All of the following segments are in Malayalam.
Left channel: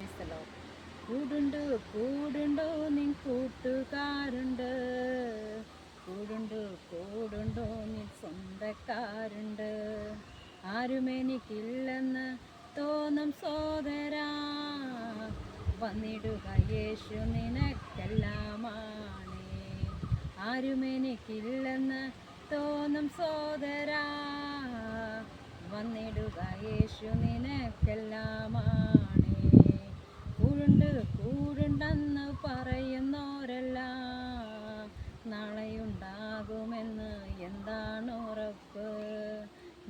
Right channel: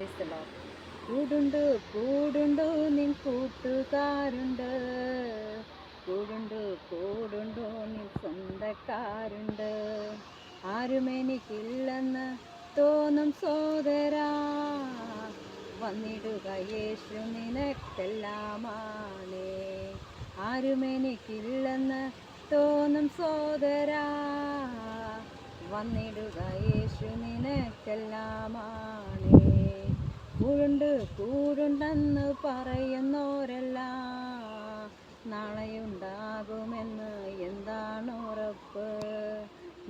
കൂടുണ്ട് കൂടുണ്ടോ നിൻ കൂട്ടുകാരുണ്ട്, കൂടുണ്ട് കൂടുണ്ടോ നിൻ സ്വന്തക്കാരുണ്ട്. ആരും എനിക്കില്ലെന്ന് തോന്നും സോദരാ, വന്നിടുക യേശു നിനക്കെല്ലാമാണേ. ആരും എനിക്കില്ലെന്ന് തോന്നും സോദരാ, വന്നിടുക യേശു നിനക്കെല്ലാമാണേ. കൂടുണ്ടെന്ന് പറയുന്നോരെല്ലാം നാളെയുണ്ടാകുമെന്ന് എന്താണ് ഉറപ്പ്?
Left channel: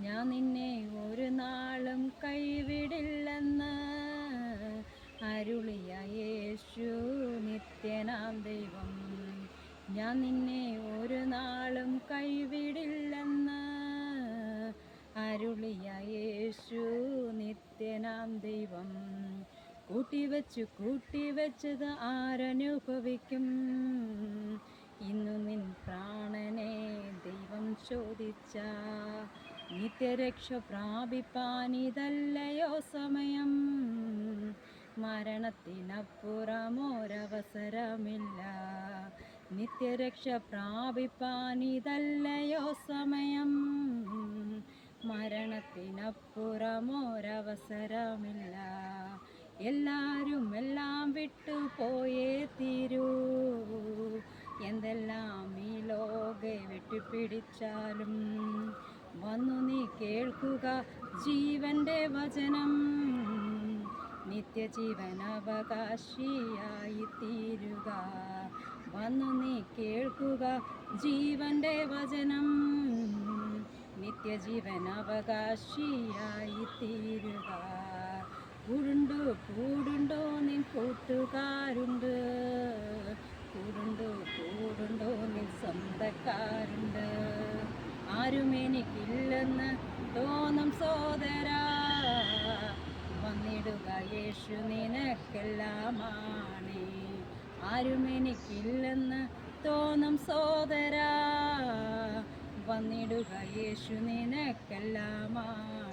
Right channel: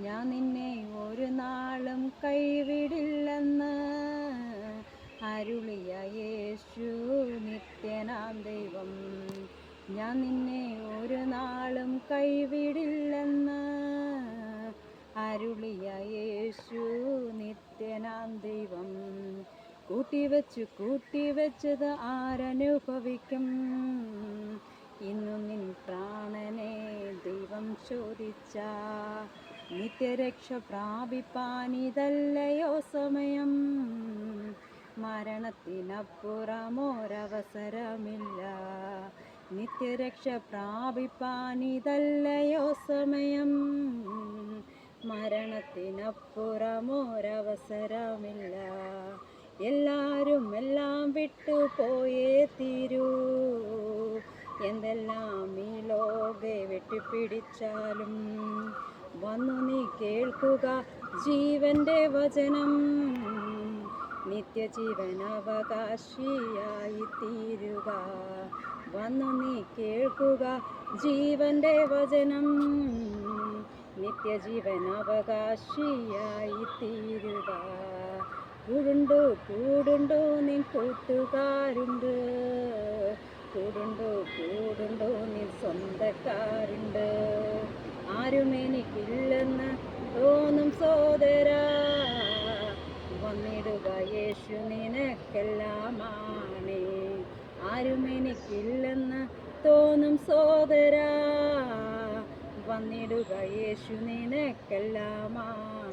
ഞാൻ നിന്നെ ഒരു നാളും കൈവിടില്ലെന്ന് അരുളിയ യേശു നിത്യനാം ദൈവം. ഞാൻ നിന്നെ ഒരു നാളും കൈവിടില്ലെന്ന് അരുളിയ യേശു നിത്യനാം ദൈവം. കൂട്ടിവെച്ചത് ആരനുഭവിക്കും? ഇന്നു നിൻ പ്രാണനെ ദൈവം ചോദിച്ച നിത്യരക്ഷ പ്രാപിപ്പാൻ ഇതല്ലയോ സമയം? മരണത്തിനപ്പുറമൊരവസരമില്ല, നിത്യരക്ഷ പ്രാപിപ്പാൻ ഇതല്ലയോ സമയം? മരണത്തിനപ്പുറമൊരവസരമില്ല. എല്ലാരും എല്ലാം വിട്ടു പോയേ തീരൂ, എന്തെല്ലാം ഈ ലോകെ വെട്ടിപ്പിടിച്ചാലും. വന്നു നീ കേൾക്കുക ജീവന്റെ വചനം, നിത്യജീവൻ അവകാശിയായി തീരുക. വന്നു നീ കേൾക്കുക ജീവന്റെ വചനം, നിത്യജീവൻ അവകാശിയായി തീരുക. കൂടുണ്ടോ നിൻ കൂട്ടുകാരുണ്ട്, കൂടുണ്ടോ നിൻ സ്വന്തക്കാരുണ്ട്. ആരും എനിക്കില്ലെന്ന് തോന്നും സോദരാ, വന്നിടുക യേശു നിനക്കെല്ലാമാണേ. ആരും എനിക്കില്ലെന്ന് തോന്നും സോദരാ, വന്നിടുക യേശു നിനക്കെല്ലാമാണ്.